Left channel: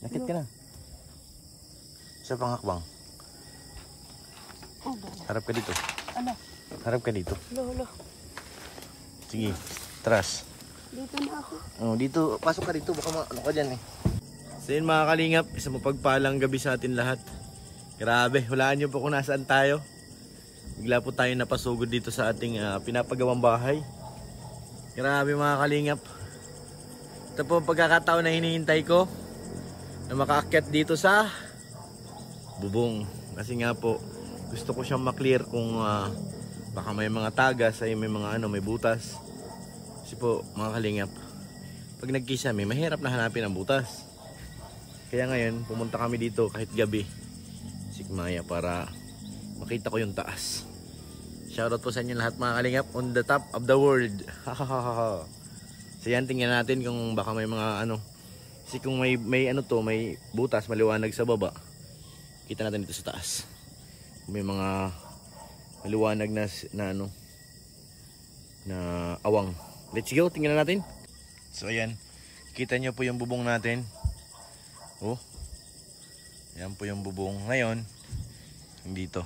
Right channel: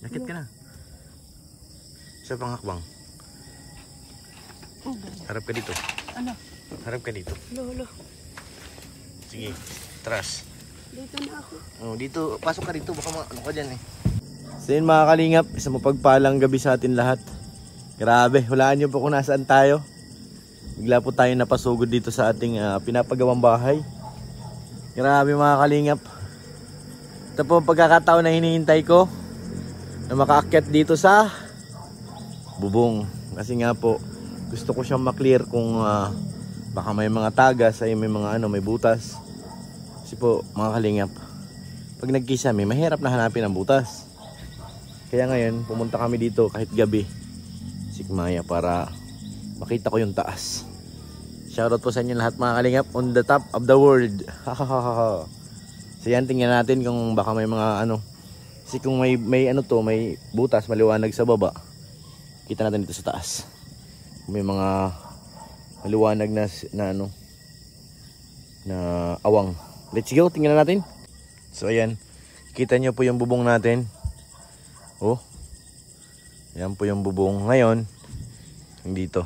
Nakit ka na. Sa pangakbang. Oh, harap ka dito. Ano? Harap ka dito. Lolo. Sige, tras. Dito na ako. Dito, pasok ka dito. Baka ano ka dyan eh. So yun mga kalingap, isang mapagpalang gabi sa atin lahat. Grabe, hulaan nyo po kung nasaan tayo. Bigla po tayo napasugod dito sa ating pinapagawang bahay. Grabe mga kalingap. Ito po ang pagkakataon na hinihintay ko na makaakyat dito sa bubong. Kasi nga po, gusto ko siyang maklear kung baka may mga tagas ay may mga may butas. Kasi po mga kalingap, pag nagkisame, mahirap na hanapin ang butas. Kaya ngayon, pumunta kami dito kahit gabi, Sikmaya, para makita ko yung taas. Shoutout po sa inyo lahat mga kalingap, on the top of the world. So yan, tingnan natin kung baka may mga kasi kung may may butas, maliwanag sa baba, kita natin dito sa taas. Kung may mga maliwanag na awang. Let's go, tingnan natin. So ayan, kita nyo po yung bubong natin. Oh, yan po yung bubong. Ngayon, dito.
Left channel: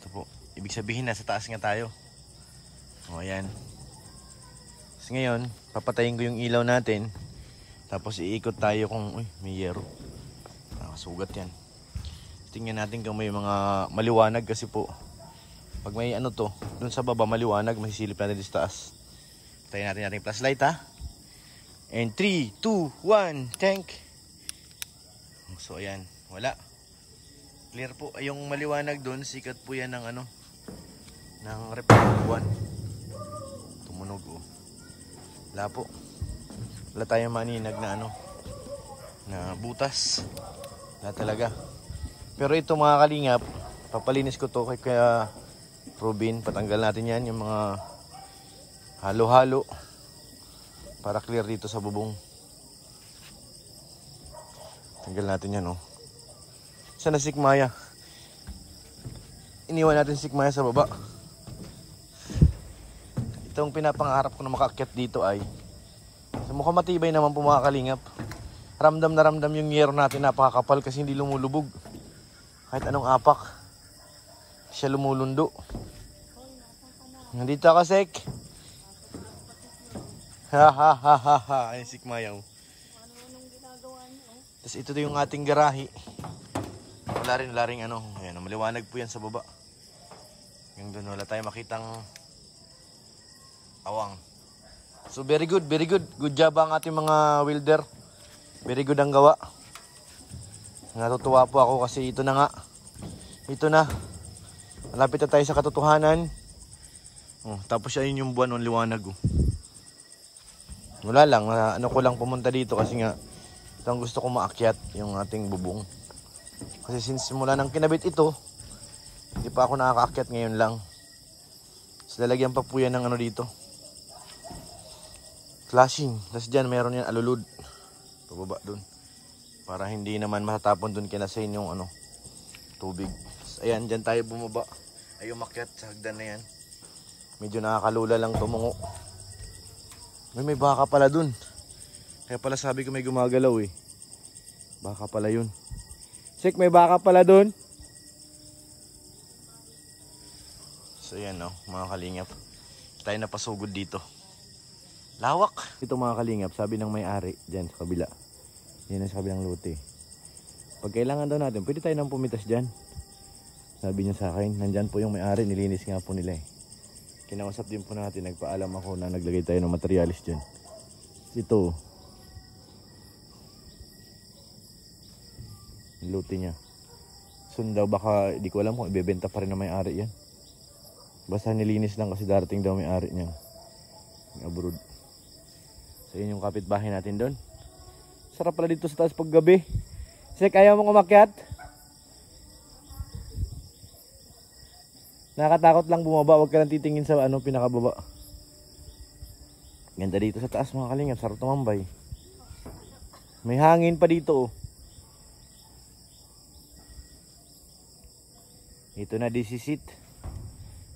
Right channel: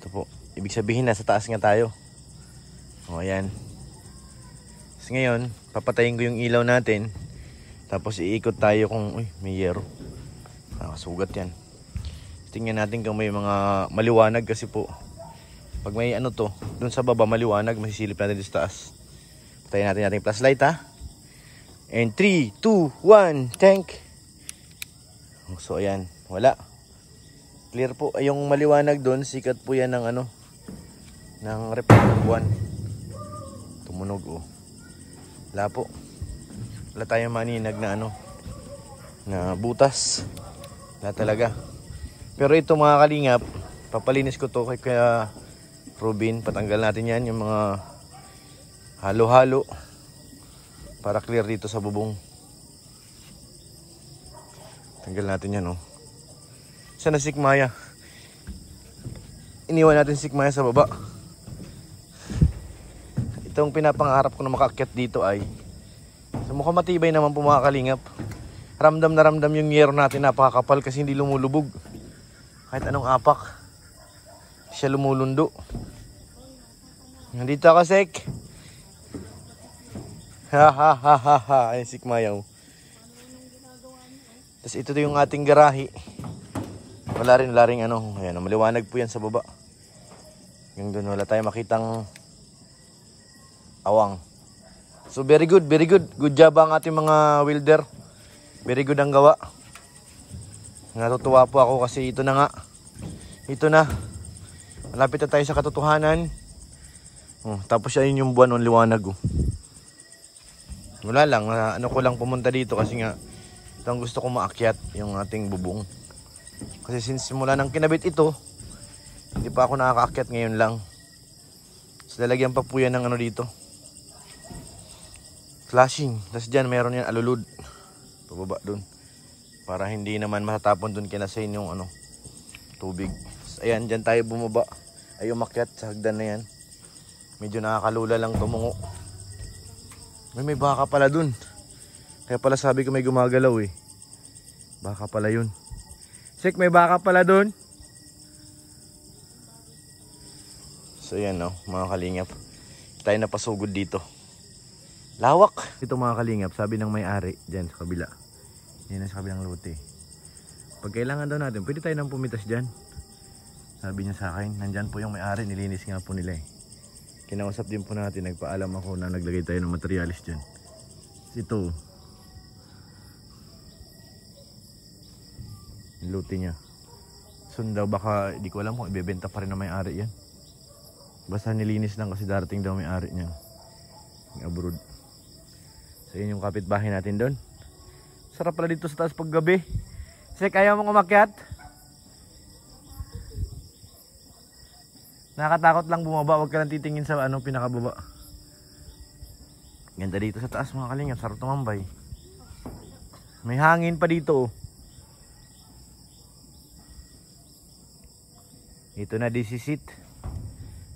Ito po, ibig sabihin nasa taas nga tayo. O ayan. So ngayon, papatayin ko yung ilaw natin. Tapos iikot tayo kung may yero. Nakasugat yan. Tingnan natin kung may mga maliwanag kasi po. Pag may dun sa baba maliwanag, masisilip natin sa taas. Patayin natin ating flashlight ha. And 3, 2, 1, tank. So ayan, wala. Clear po. Ay, yung maliwanag dun, sikat po yan ng ng reflector buwan. Tumunog oh. Wala po. Wala tayong maninag na na butas. Wala talaga. Pero ito mga kalingap, papalinis ko to kay Robin. Patanggal natin yan, yung mga halo-halo para clear dito sa bubong. Tanggal natin yan Saan na Sikmaya? Iniwan natin Sikmaya sa baba. Itong pinapangarap ko na makaakyat dito ay mukhang matibay naman po mga kalingap. Ramdam na ramdam yung yero natin, napakakapal kasi hindi lumulubog. Kahit anong apak, siya lumulundo. Nandito ako, Sek. Ha. Ay, Sikmaya. Tapos ito yung ating garahe. Wala rin ayan, maliwanag po yan sa baba. Yung doon, wala tayong makitang awang. So very good. Good job ang ating mga welder. Very good ang gawa. Natutuwa po ako kasi ito na nga. Ito na. Malapit na tayo sa katotohanan. Tapos ayun yung buwan ng liwanag. Wala lang. Ko lang pumunta dito kasi nga ito ang gusto kong maakyat, yung ating bubong. Kasi since mula nang kinabit ito, hindi pa ako nakakaakyat ngayon lang. So lalagyan pa po yan ng dito. Flashing. Tapos dyan meron yan alulud. Pababa dun. Para hindi naman matatapon dun kinasain yung tubig. So, ayan, dyan tayo bumaba. Ay umakyat sa hagdan na yan. Medyo nakakalula lang tumungo. May baka pala dun. Kaya pala sabi ko may gumagalaw eh. Baka pala yun. Sek, may baka pala dun. So yan mga kalingap. Tayo napasugod dito. Lawak. Ito mga kalingap, sabi ng may-ari dyan sa kabila. Yan sa kabilang lote. Pag kailangan daw natin, pwede tayo nang pumitas dyan. Sabi niya sa akin, nandyan po yung may-ari, nilinis nga po nila eh. Kinausap din po natin, nagpaalam ako na naglagay tayo ng materialis dyan. Ito, yung lote niya. Soon daw baka, di ko alam kung ibebenta pa rin ng may-ari yan. Basta nilinis lang kasi darating daw may-ari niyan. Abroad. So yun yung kapitbahay natin doon. Sarap pala dito sa taas pag gabi. Sek, ayaw mong umakyat? Nakakatakot lang bumaba. Huwag ka lang titingin sa pinakababa. Ganda dito sa taas mga kalingap. Sarap tumambay. May hangin pa dito Ito na disisit.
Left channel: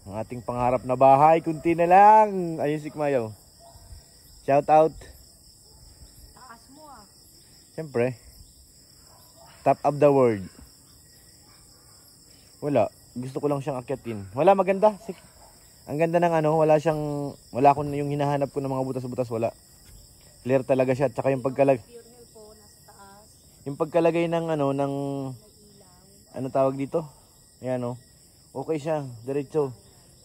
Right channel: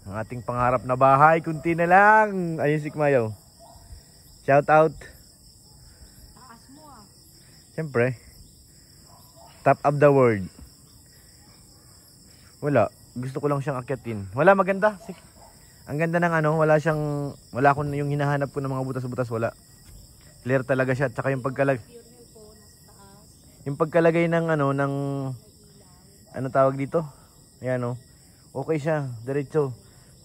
Ang ating pangarap na bahay. Kunti na lang. Ayun Sikmayaw. Shout out. Taas mo Siyempre. Top of the world. Wala. Gusto ko lang siyang akyatin. Wala, maganda. Ang ganda ng ano, wala akong yung hinahanap ko ng mga butas-butas, wala. Clear talaga siya. Tsaka yung pagkalagay ng ano, ano tawag dito? Ayan o. Okay siya. Diretso.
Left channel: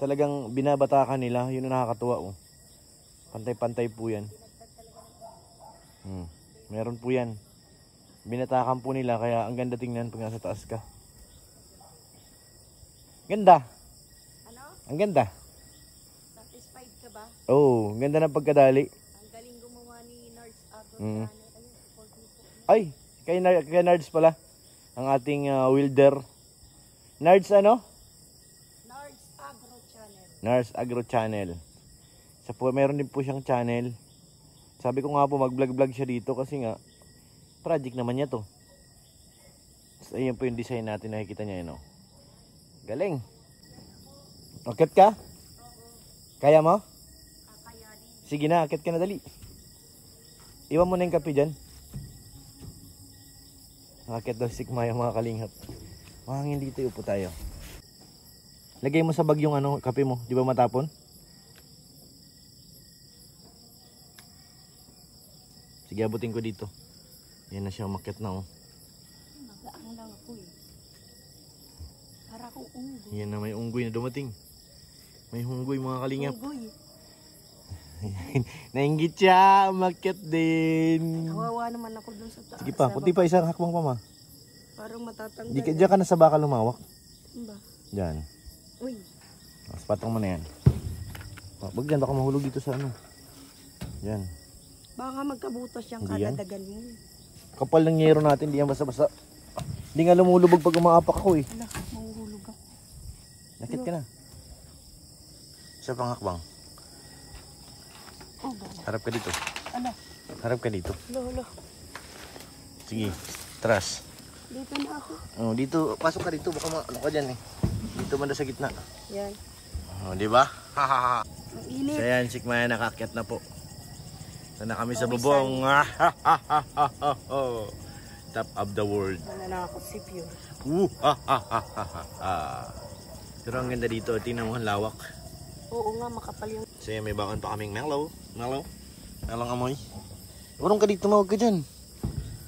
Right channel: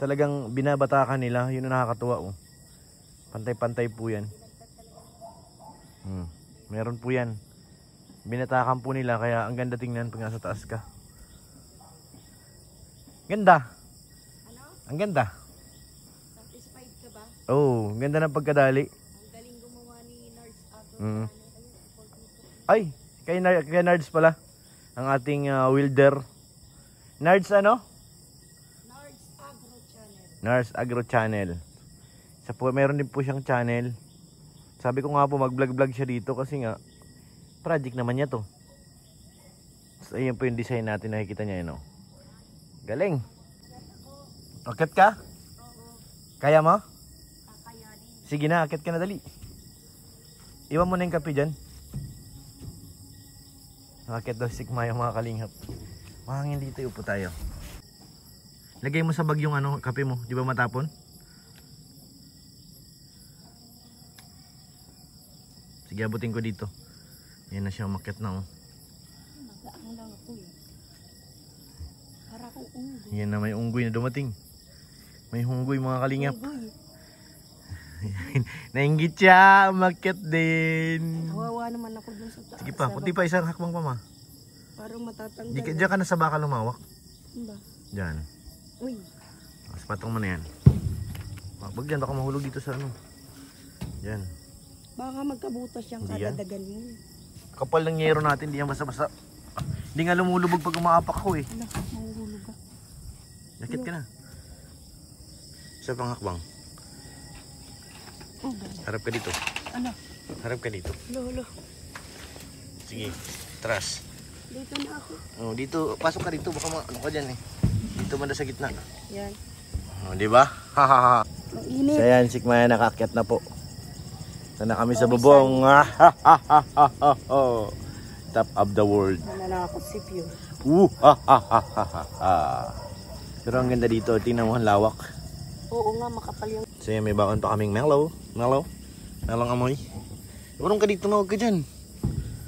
Talagang binabatakan nila. Yun ang nakakatuwa o. Pantay-pantay po yan. Meron po yan. Binatakan po nila kaya ang ganda tingnan pag nasa taas ka. Ganda. Ano? Ang ganda. Satisfied ka ba? Oh, ganda ng pagkadali. Ang galing gumawa ni Nards Agro. Ay, kay Nards pala. Ang ating welder. Nards ano? Nards Agro Channel. Nards Agro Channel. Meron din po siyang channel. Sabi ko nga po mag-vlog siya dito kasi nga project naman niya to. So, ayan po yung design natin, nakikita niya yun. Galing. Akit ka? Oo. Kaya mo? Kakayanin. Sige na, akit ka na dali. Iwan mo na yung kape dyan. Akit daw sikma yung mga kalingap. Mahangin dito, upo tayo. Lagay mo sa bag yung ano, kape mo. Di ba matapon? Sige, abutin ko dito. Yan na siya, umakyat na oh. Magaang lang ako eh. Para akong unggoy. Yan na, may unggoy na dumating. May hunggoy mga kalingap. Unggoy. Nainggit siya, umakyat din. Kawawa naman ako dun sa taas. Sige pa, puti pa isang hakbang pa ma. Parang matatanggal. Diyan ka na sa bakal lumawak. Ba? Diyan. Uy. Mas patong mo na yan. Wag dyan, baka mahulog dito sa ano. Diyan. Baka magkabutas yung Hindi yan. kadadagan mo. Kapal ng yero natin, di yan basta-basta. Hindi nga lumulubog pag umaapak ako eh. Wala, mahuhulog ka. Nakit ka na. Sa pangakbang. Oh, God. Harap ka dito. Ano? Harap ka dito. Lolo. Sige, tras. Dito na ako. Oh, dito, pasok ka dito. Baka ano ka dyan eh. Dito man sa gitna. Yan. Oh, di ba? Hahaha. Ang init. So yan, sikmaya nakakyat na po. Sana kami sa bubong. Top of the world. Nananakot si Pure. Pero ang ganda dito. Tingnan mo ang lawak. Oo nga, makapal yung... So yan, may baon pa kaming mellow. Mellow amoy. Urong ka dito, mawag ka dyan.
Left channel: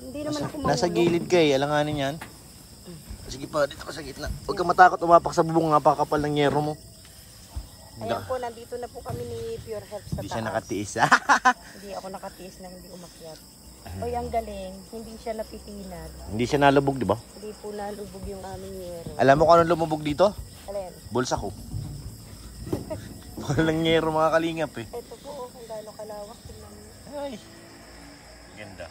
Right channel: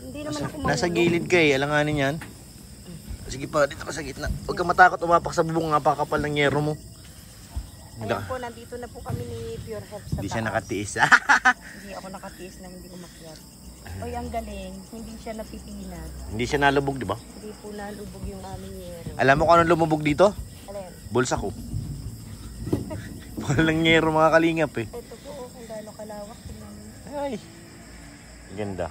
Hindi naman ako Nasa gilid ka eh. Alanganin yan. Sige pa, dito ka sa gitna. Huwag ka matakot umapak sa bubong. Napakapal ng yero mo. Ayan po, nandito na po kami ni Pure Herbs sa Hindi siya taas. nakatiis. Hindi ako nakatiis na hindi umakyat. Oy, ang galing. Hindi siya napipinat. Hindi siya nalubog, di ba? Hindi po nalubog yung aming yero. Alam mo kung anong lumubog dito? Alin? Bulsa ko. Walang yero mga kalingap eh. Ito po, kung gaano kalawak. Tingnan mo. Ay, ganda.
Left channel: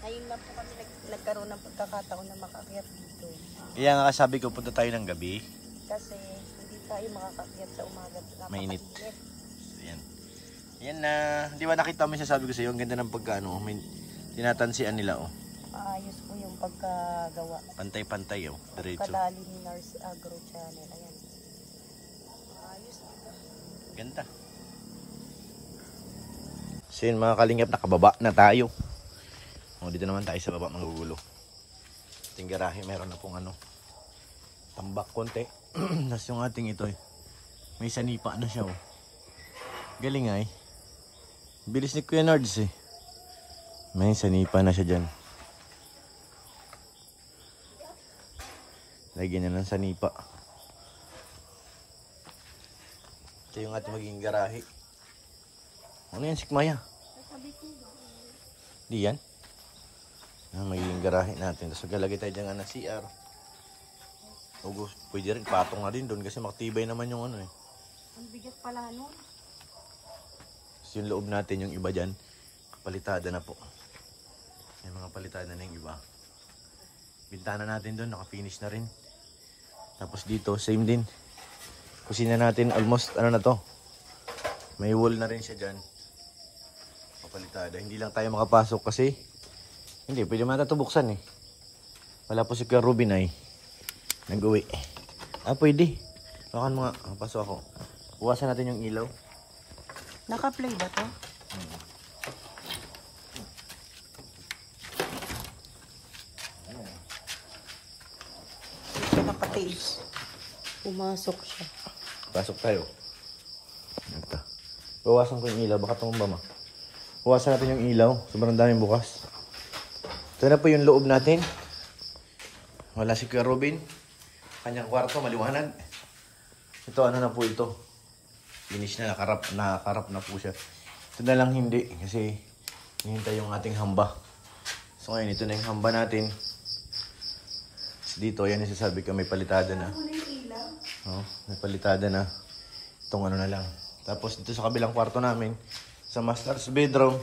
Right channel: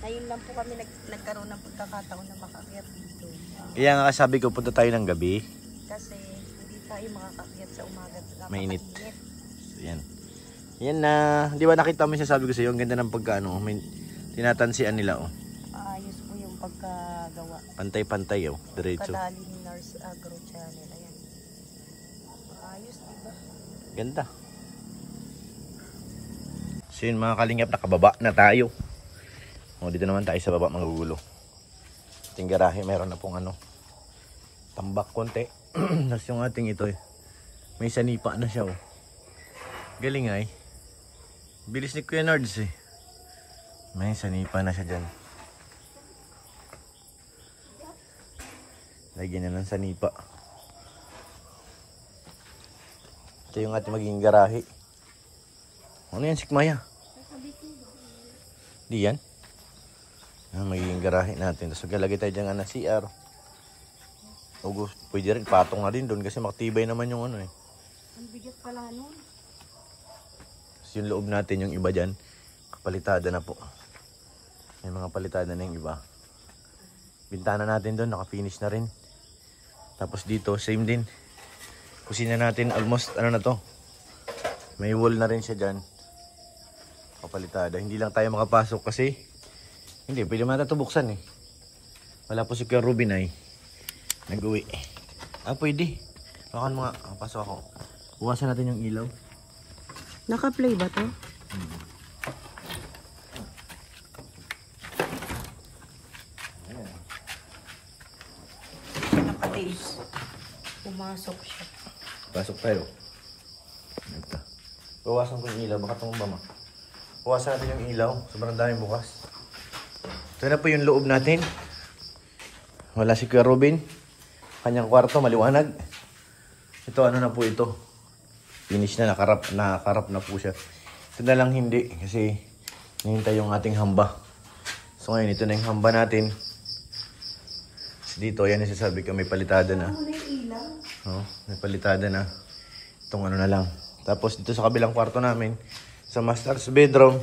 Ngayon lang po kami nagkaroon ng pagkakataon na makakyat dito. Kaya nga sabi ko, punta tayo ng gabi. Kasi hindi tayo makakakyat sa umaga. Mainit. Yan. Yan na, di ba nakita mo yung sasabi ko sa iyo, ang ganda ng pagkaano, may tinatansian nila oh. Ayos po yung pagkagawa. Pantay-pantay oh, diretso. Kadali ni Nards Agro Channel. Ayan. Ayos, diba? Ganda. So yun mga kalingap, nakababa na tayo. O, dito naman tayo sa baba, magugulo. Ating garahe, meron na pong ano, tambak konti. Tapos yung ating ito eh, may sanipa na siya oh. Galing ay. Bilis ni Kuya Nards eh. May sanipa na siya dyan. Lagyan na ng sanipa. Ito yung ating magiging garahe. Ano yan, sikmaya? Di yan? Magiging garahe natin. Tapos maglalagay tayo dyan ng CR. O, pwede rin, patong na din doon kasi makatibay naman yung ano eh. Ang bigat pala nun. Yung loob natin, yung iba dyan, kapalitada na po. May mga palitada na yung iba. Bintana natin doon, naka-finish na rin. Tapos dito, same din. Kusina natin, almost, ano na to. May wall na rin siya dyan. Kapalitada. Hindi lang tayo makapasok kasi, hindi, pwede man ito buksan eh. Wala po si Kuya Ruben ay nag-uwi. Pwede. Bakan mga, pasok ako. Buwasan natin yung ilaw. Naka-play ba to? Pumasok siya. Pasok tayo. Ito. Bawasan ko yung ilaw. Baka tumumba ma. Bawasan natin yung ilaw. Sobrang daming bukas. Ito na po yung loob natin. Wala si Kuya Robin. Kanyang kwarto, maliwanag. Ito, ano na po ito. Finish na, nakarap na po siya. Ito na lang hindi. Kasi, nihintay yung ating hamba. So ngayon, ito na yung hamba natin. Dito, yan yung sasabi ko, may palitada na. Oh, may palitada na. Itong ano na lang. Tapos dito sa kabilang kwarto namin, sa master's bedroom,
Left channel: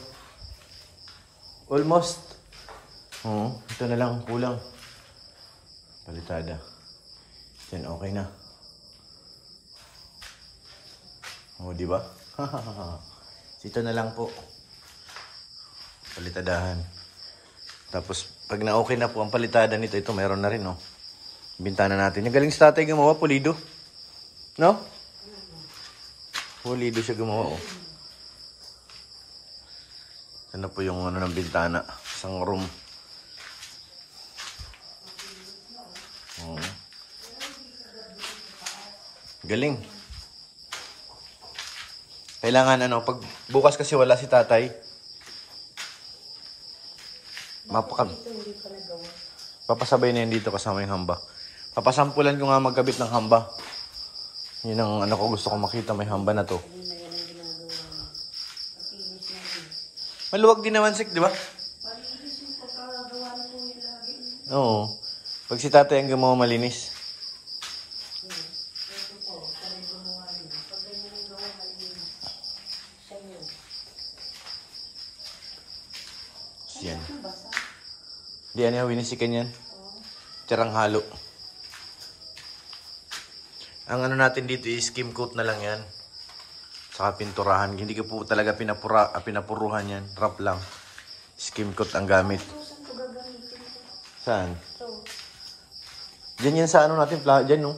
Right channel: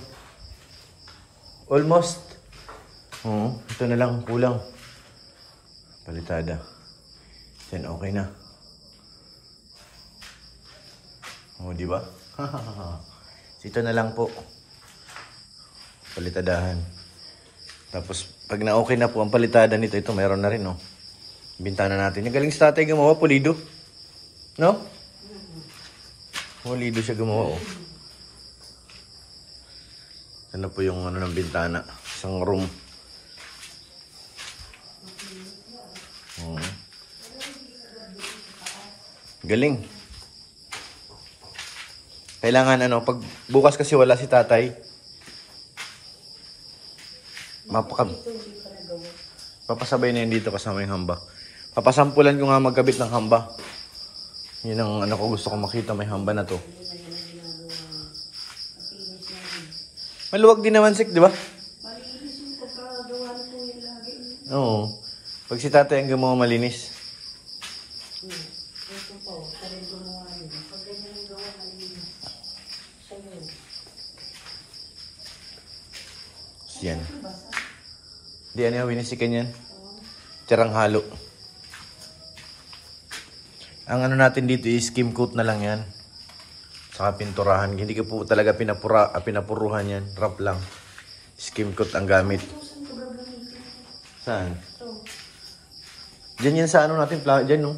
almost. Oh, ito na lang, kulang. Palitada. Then okay na. Oh, di ba? Ito na lang po. Palitadahan. Tapos pag na-okay na po ang palitada nito, ito mayroon na rin, no. Bintana natin. Yung galing sa tatay gumawa, pulido. No? Pulido siya gumawa, oh. Ito na po yung ano ng bintana. Isang room. Oh. Galing. Kailangan ano, pag bukas kasi wala si tatay, papasabay na yan dito kasama yung hamba. Papasampulan ko nga magkabit ng hamba. Yun ang ano ko, gusto ko makita, may hamba na to. Maluwag din naman, Sik, di ba? Oo. Pag si tatay ang gumawa malinis. Yan. Di ano yung winisikan yan? Tirang halo. Ang ano natin dito is skim coat na lang yan. Saka pinturahan. Hindi ko po talaga pinapuruhan yan. Wrap lang. Skim coat ang gamit. Saan? Diyan yan sa ano natin. Diyan, no?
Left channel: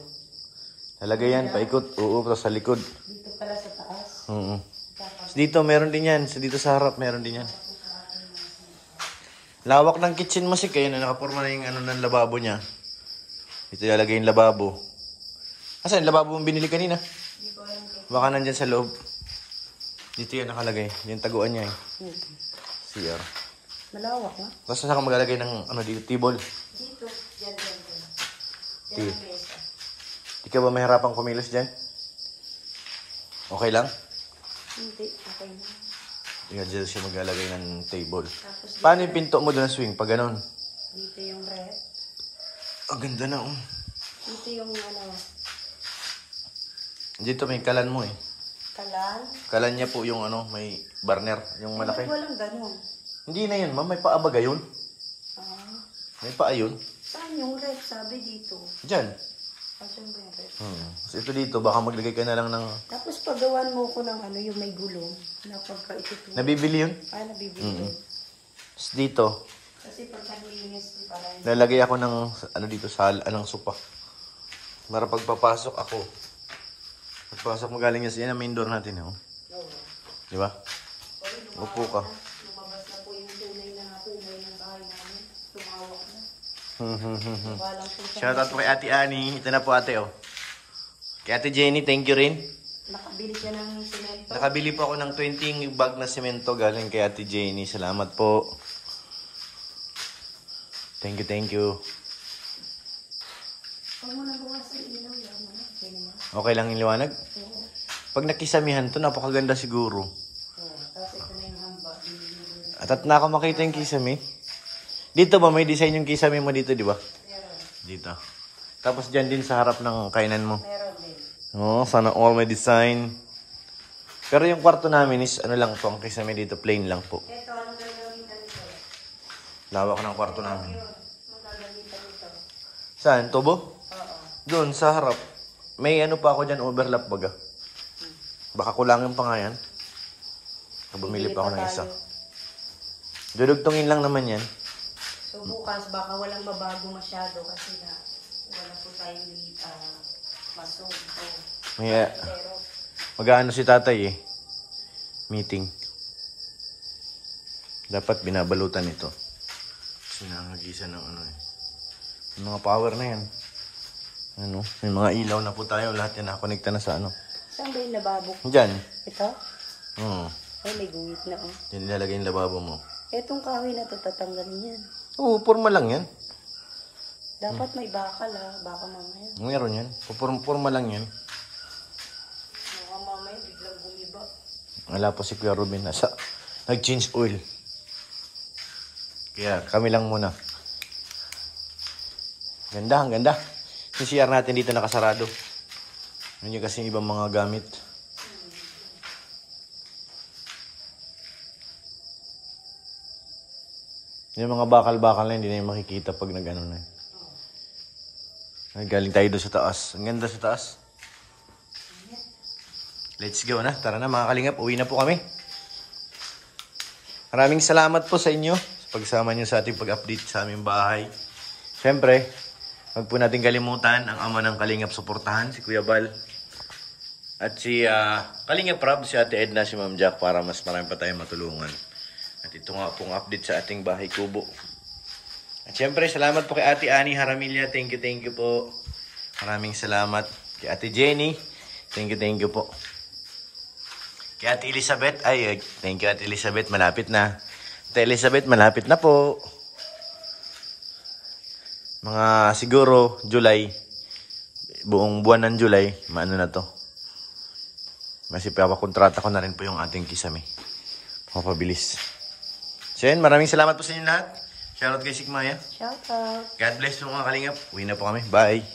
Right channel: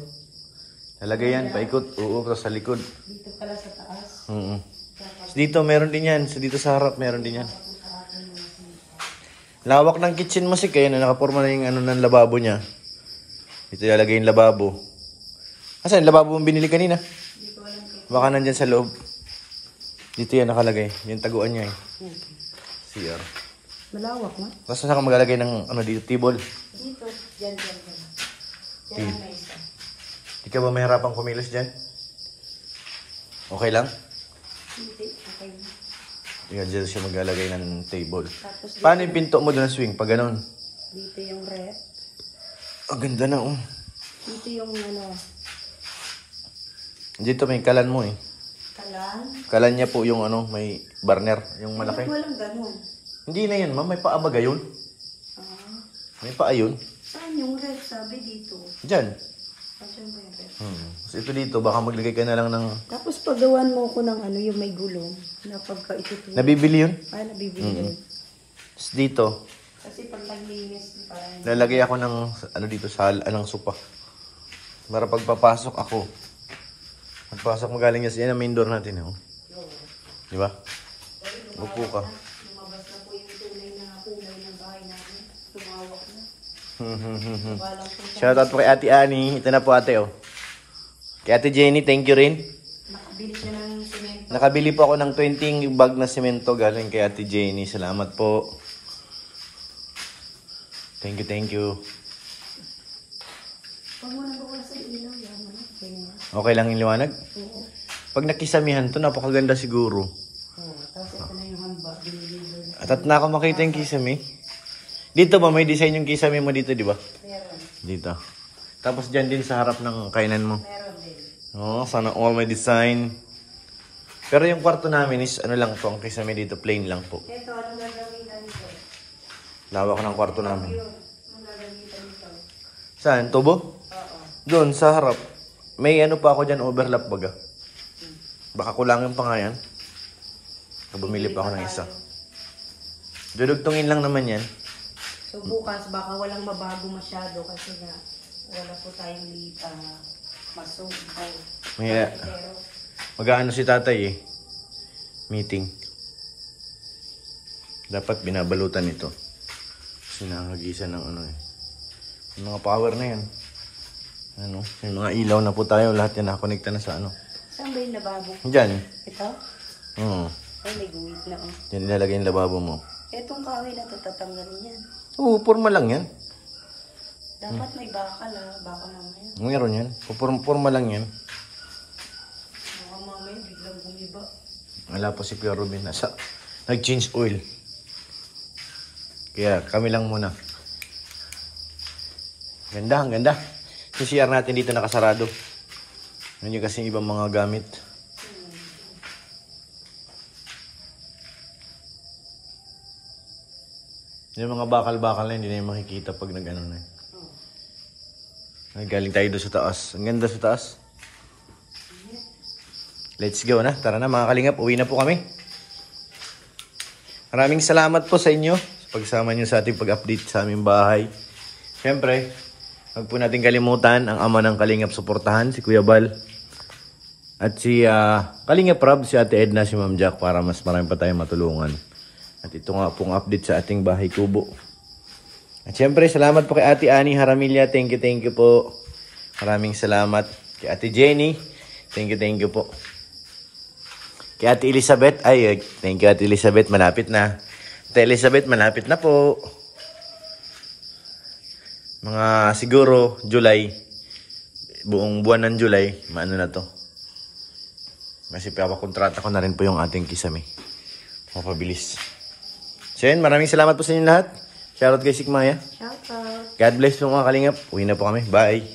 Talagay yan. Paikot. Oo, tapos sa likod. Dito pala sa taas. Dito meron din yan. Dito sa harap meron din yan. Lawak ng kitchen mo, Sik. Kaya na nakaporma na yung ano ng lababo niya. Dito ilalagay yung lababo. Asan? Lababo mong binili kanina? Baka nandyan sa loob. Dito yan nakalagay. Yung taguan niya eh. CR. Malawak, no? Tapos saan ka maglalagay ng ano dito? Table? Dito. Diyan. Di ka ba mahirapang kumilos dyan? Okay lang? Hindi. Okay na. Yan, dito siya maglalagay ng table. Paano yung pinto mo doon na swing? Pag ganun? Dito yung rep. Ang ganda na, oh. Dito yung ano. Dito may kalan mo eh. Kalan. Kalan niya po yung ano, may burner, yung malaki. Walang ganun. Hindi na yan, ma'am. May paa ba gayon? May paa yun? Saan yung rep? Sabi dito. Diyan. Saan ba yung rep? So ito dito, baka maglagay ka na lang ng... Tapos paggawan mo ko ng ano, yung may gulong. Na pagka itutuloy. Nabibili yun? Ay, nabibili yun. Tapos dito, Kasi pag naglinis, parang... lalagay ako ng, ano dito, anong sopa. Para pagpapasok ako. Pagpasok magaling yan sa main door natin, oh. Di ba? Upo ka. Lumabas na po yung tunay na kulay ng bahay namin. Tumawak na. Shout out po kay Ate Ani. Ito na po ate, oh. Kay Ate Jenny, thank you rin. Nakabili ka ng semento. Nakabili po ako ng 20 bag na semento galing kay Ate Jenny. Salamat po. Thank you, thank you. Pag mo nabawasan ilaw, yan mo na. Okay lang yung liwanag? Oo. Pag nakisamihan to, napakaganda siguro. Tapos ito na yung hamba. At na ako makita yung kisame. Dito ba may design yung kisame mo dito, di ba? Meron. Dito. Tapos dyan din sa harap ng kainan mo. Meron din. Oh, sana all may design. Pero yung kwarto namin is ano lang po, ang kisame dito, plain lang po. Ito, anong gagawin ka nito? Lawak ng kwarto namin. Anong gagawin ka nito? Saan? Tubo? Oo. Doon, sa harap. May ano pa ako dyan, overlap baga. Baka kulangin pa nga yan. Bumili pa ako ng isa. Dudugtungin lang naman yan. So bukas, baka walang mabago masyado kasi nga wala po tayong masok. Yeah. Mag-aano si tatay eh. Meeting. Dapat binabalutan ito. Kasi nangagisan ng ano eh. Yung mga power na yan. Ano, may mga ilaw na po tayo. Lahat yan nakakonekta na sa ano. Saan ba yung lababo? Diyan. Ito? Oo. Ay, may guhit na oh. Diyan nilalagay yung lababo mo. Etong kahoy na tatatanggalin yan. Oo, porma lang yan. Dapat may bakal ah. Baka mamaya. Meron yan. Porma lang yan. Baka mamaya biglang gumiba. Wala pa si Kuya Ruben. Nag-change oil. Kaya kami lang muna. Ganda, ang ganda. Yung CR natin dito nakasarado. Hindi kasi ibang mga gamit. Yung mga bakal-bakal na hindi na yung makikita pag nag-ano na. Galing tayo doon sa taas. Ang ganda sa taas. Let's go na. Tara na mga kalingap. Uwi na po kami. Maraming salamat po sa inyo sa pagsama nyo sa ating pag-update sa aming bahay. Siyempre, huwag po natin kalimutan ang ama ng Kalingap suportahan, si Kuya Bal. At si Kalingap Rob, si Ate Edna, si Ma'am Jack para mas marami pa tayong matulungan. At ito nga pong update sa ating bahay kubo. At siyempre, salamat po kay Ate Ani Haramilla. Thank you po. Maraming salamat. Kay Ate Jenny, thank you po. Kay Ate Elizabeth, thank you Ate Elizabeth, malapit na. Ate Elizabeth, malapit na po. Mga siguro July, buong buwan ng July, maano na to. Kasi papakontrata ko na rin po yung ating kisame. Mapabilis. So yun, maraming salamat po sa inyo lahat. Shoutout kay Sigmaya. Shoutout. God bless po mga kalingap. Uwi na po kami. Bye.